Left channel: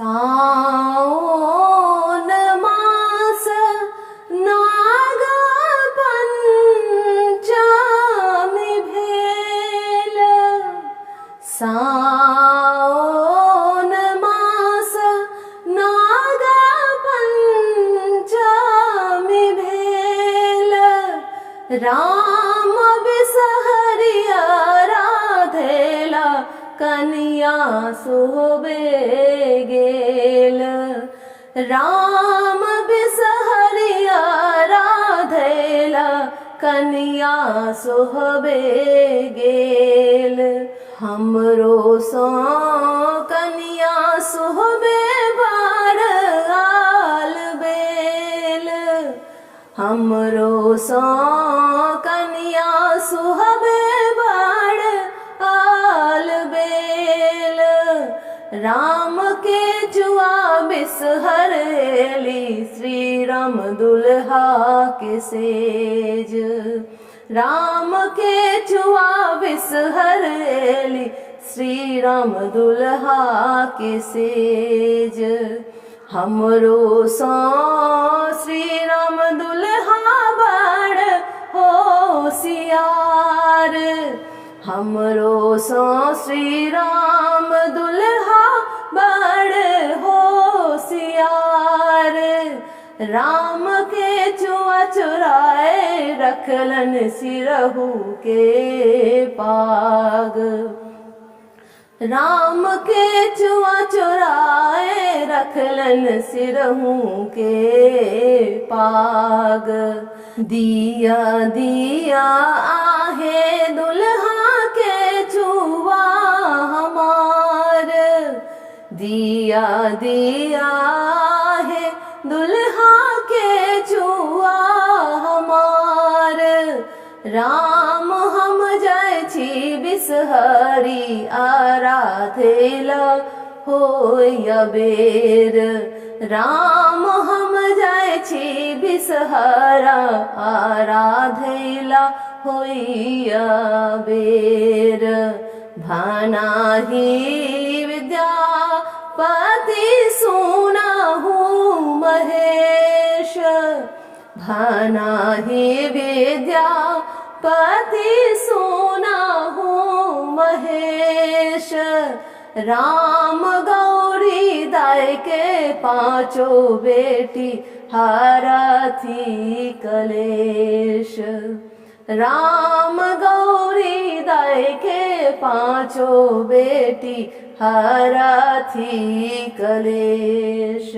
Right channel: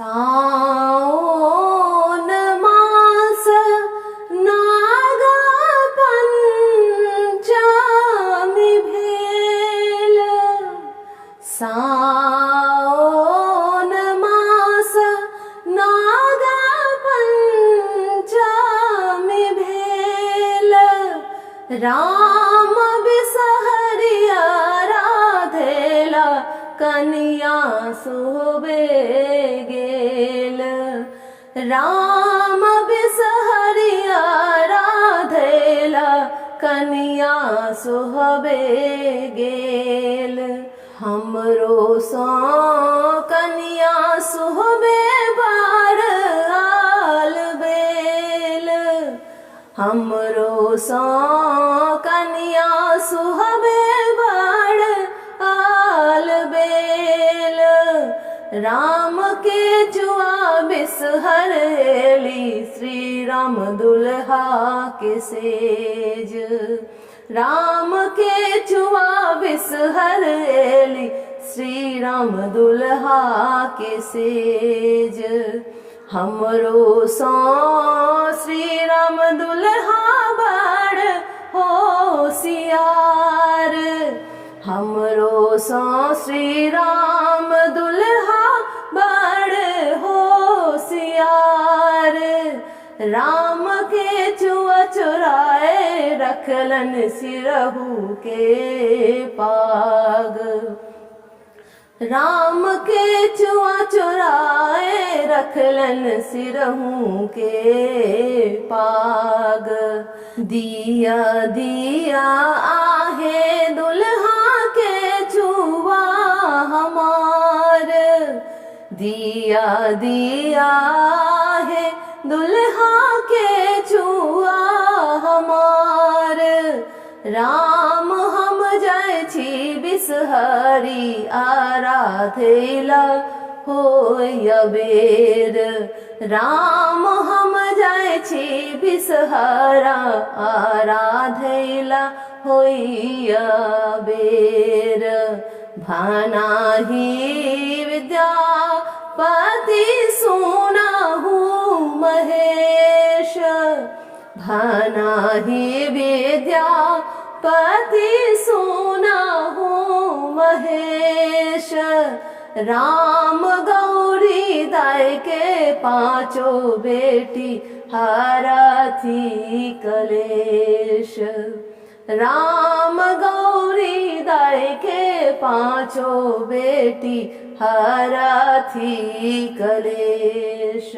साओन मास नाग पंचमी भेल। साओन मास नाग पंचमी भेल। राम बिसहरिया राधेला कनिया सोहबे गेल। राम बिसहरिया राधेला कनिया सोहबे गेल। हमरो सो कनिया सोहबे बड़ आल बेल। हमरो सो कनिया सोहबे बड़ आल बेल। राम के जुआ बिसहरेली श्री राम दुल्हा के सेज। राम के जुआ बिसहरेली श्री राम दुल्हा के सेज। हमरो सो श्री राम दुल्हा बड़ होशियार। हमरो सो श्री राम दुल्हा बड़ होशियार। राम के जुआ चुराए रखलन सिरहू के पाग। राम के जुआ चुराए रखलन सिरहू के पाग। दिया दिया आहे दुल्हा के जुआ हमार। दिया दिया आहे दुल्हा के जुआ हमार। राम हम जाय छी बिसहरी आराधेला होय बेर। राम हम जाय छी बिसहरा आराधेला होय बेर। भनाही विद्यापति सुनाहू महेश। भनाही विद्यापति सुनाहू महेश। राम गौरी दाय के पांचों बेटी हारथी कलेश। राम गौरी दाय के पांचों बेटी हारथी कलेश।